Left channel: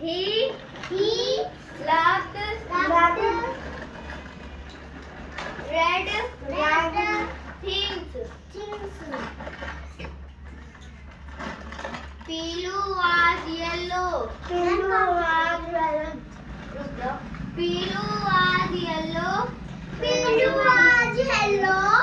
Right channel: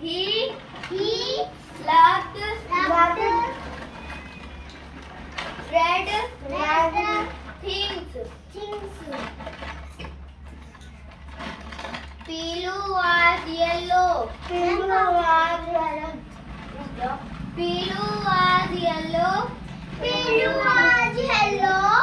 He He loved loved red red things. things. Pilu was yellow. Pillow was yellow. Pilu was yellow. Pillow was yellow.